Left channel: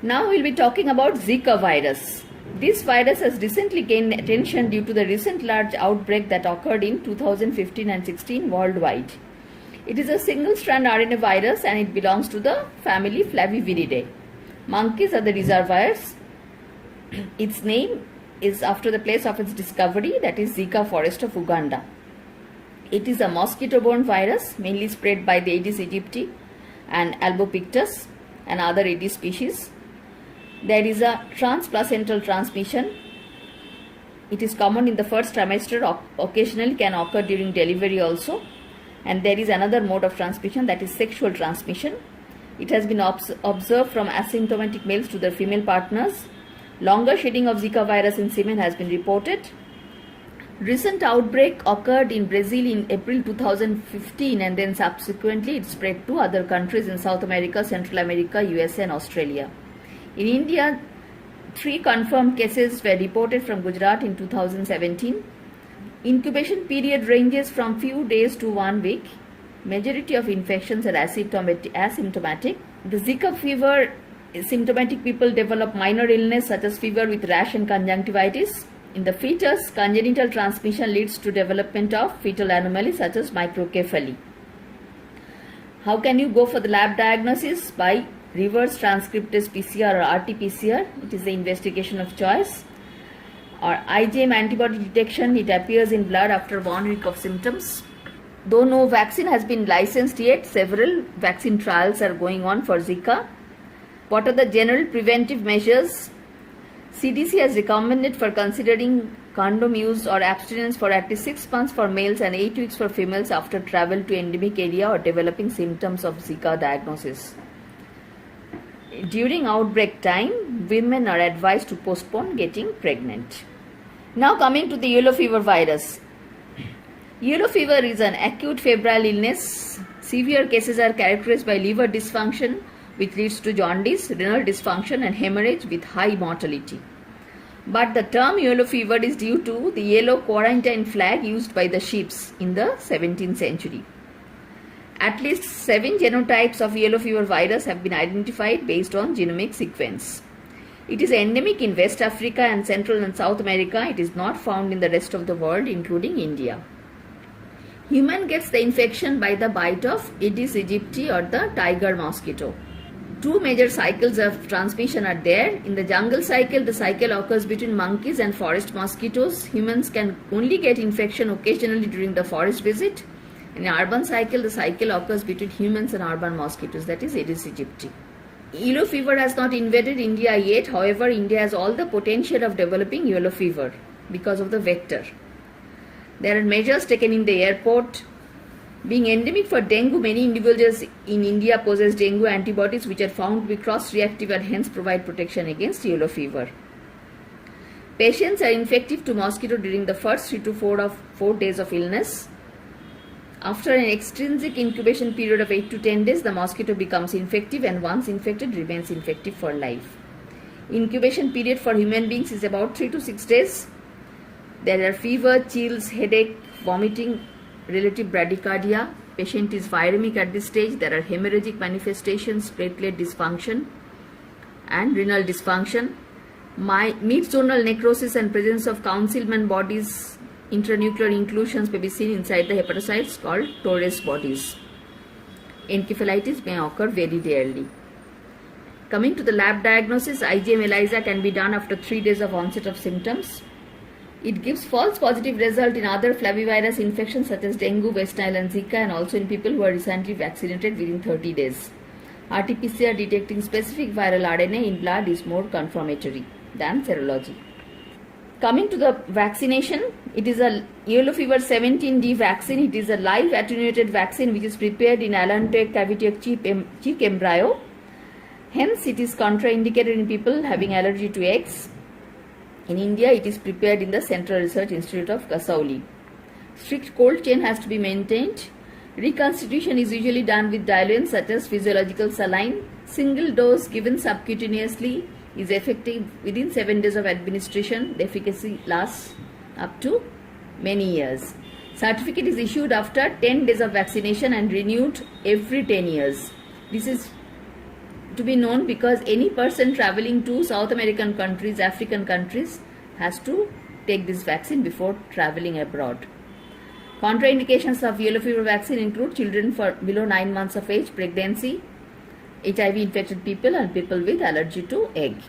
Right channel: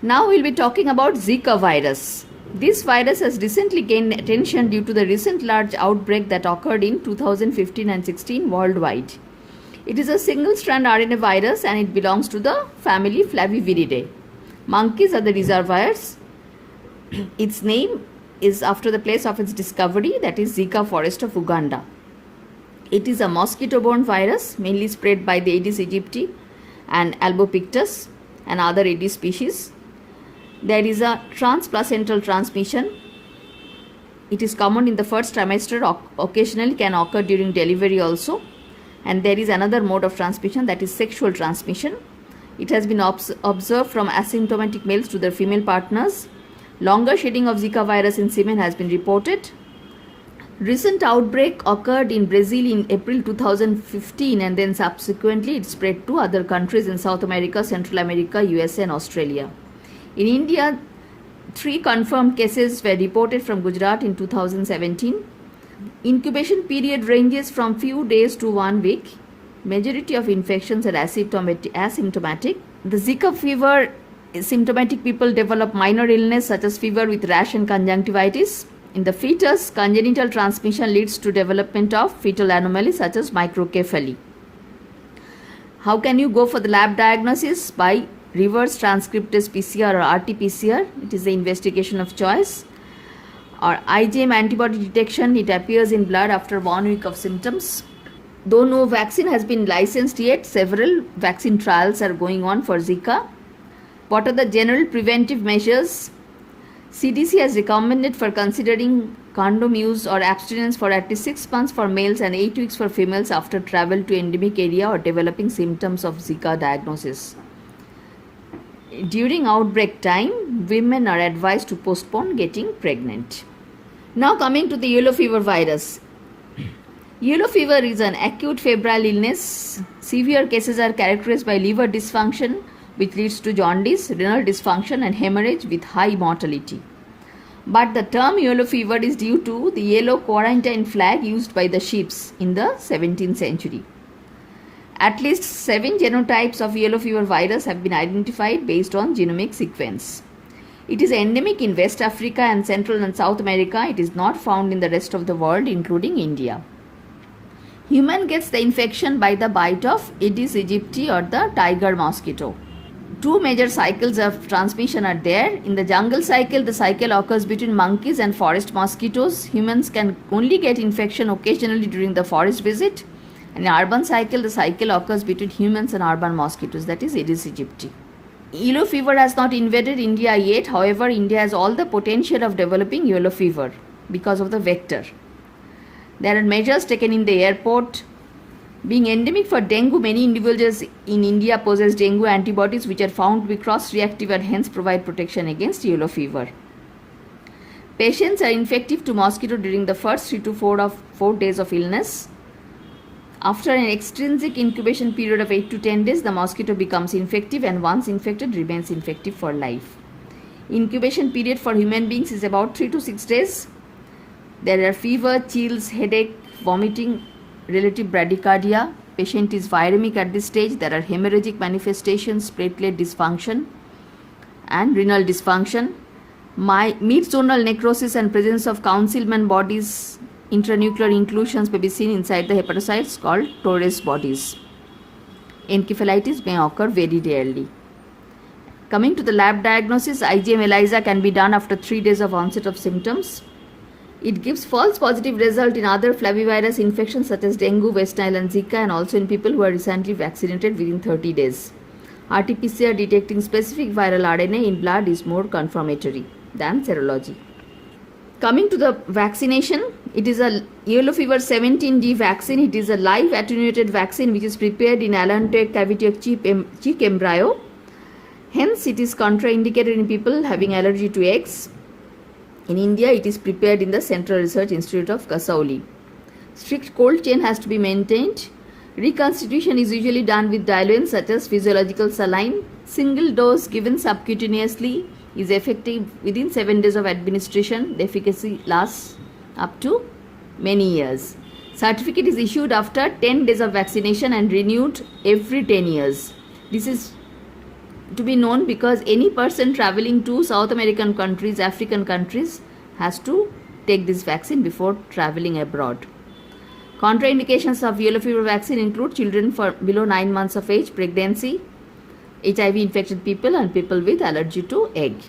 Now we'll be talking about Zika virus. This virus has recently gained attention due to the recent large outbreak that occurred in 2015 and 16 worldwide. It is a single-strand RNA virus and it belongs to the family Flaviviridae. Monkeys are the reservoirs. Its name is after the place of its discovery, that is Zika forest of Uganda. It is a mosquito-borne virus mainly spread by the Aedes aegypti and Albopictus and other Aedes species. There is a transplacental transmission. It is common in the first trimester, occasionally can occur during delivery also. And there is another mode of transmission, that is sexual transmission. It has been observed from asymptomatic males to their female partners. Longer shedding of Zika virus in semen has been reported. Recent outbreak occurred in Brazil in April 2015 and then subsequently it spread to other countries in South America, Central America, USA and Australia. In India, 3 confirmed cases were reported from Gujarat in 2017. Incubation period ranges from few days to 1 week. Majority of infections are asymptomatic. The Zika fever, symptomatic people develop minor illness such as fever with rash and conjunctivitis. In the fetus, congenital transmission leads to development of fetal anomalies such as microcephaly. How can you go for the lab diagnosis? By reverse transcriptase PCR or RT-PCR. It is the investigation of choice. Or IgM antibody detection, it appears in blood after 1 week of symptoms. Though no vaccine has been licensed yet, several vaccine trials are going on for Zika. What are the general preventive measures? CDC has recommended for considering condom use or abstinence for at least 6 months for males and 8 weeks for females after travel to endemic area or developing symptoms of Zika diagnosis. During outbreak time, women are advised to postpone getting pregnant. Now coming to the yellow fever virus. Yellow fever is an acute febrile illness. Severe cases are characterized by liver dysfunction, which leads to jaundice, renal dysfunction and hemorrhage with high mortality. But the term yellow fever is due to the yellow quarantine flag used by the ships in the 17th century. At least 7 genotypes of yellow fever virus have been identified based on genomic sequence. It is endemic in West Africa and Central and South America. It is not found in the rest of the world, including India. Human gets the infection by the bite of Aedes aegypti or the tiger mosquito. 2 major cycles of transmission are there. In the jungle cycle, the cycle occurs between monkeys and forest mosquitoes. Humans can only get infection occasionally during the forest visit. In the urban cycle, the cycle occurs between humans and urban mosquitoes, that is Aedes aegypti. Yellow fever has not invaded India yet. However, India has all the potential of developing yellow fever because of the vector. There are measures taken in the airport. Being endemic for dengue, many individuals in India possess dengue antibodies which are found to be cross-reactive and hence provide protection against yellow fever. Patients are infective to mosquito during the first 3 to 4 days of illness. After an extrinsic incubation period of 8 to 10 days, the mosquito becomes infective and once infected remains infective for life. Incubation period for human beings is about 3 to 6 days. There are fever, chills, headache, vomiting, relative bradycardia. Patient is viremic at this stage. There are hemorrhagic manifestations, platelet dysfunction and renal dysfunction. Mid-zonal necrosis and presence of Councilman bodies, intranuclear inclusions may be seen inside the hepatocytes called Torres bodies. Encephalitis may occur very rarely. Coming to the lab diagnosis, IgM ELISA can be done after 3 days of onset of symptoms. It gives false positive result in other flavivirus infections such as dengue, West Nile and Zika and also in people who are recently vaccinated within 30 days. RT-PCR detecting specific viral RNA in blood is more confirmatory than serology. Coming to the vaccination, it is a yellow fever 17D vaccine. It is a live attenuated vaccine which is prepared in allantoic cavity of chick embryo. Hence, it is contraindicated in people having allergy to eggs. In India, it is prepared in the Central Research Institute of Kasauli. Strict cold chain has to be maintained. Reconstitution is usually done with diluents such as physiological saline. Single dose given subcutaneously is effective within 7 days of administration. The efficacy lasts up to many years. Certificate is issued after 10 days of vaccination and renewed every 10 years. This is to be known because any person traveling to South American countries, African countries has to take this vaccine before traveling abroad. Contraindications of yellow fever vaccine include children for below 9 months of age, pregnancy, HIV infected people and people with allergy to egg.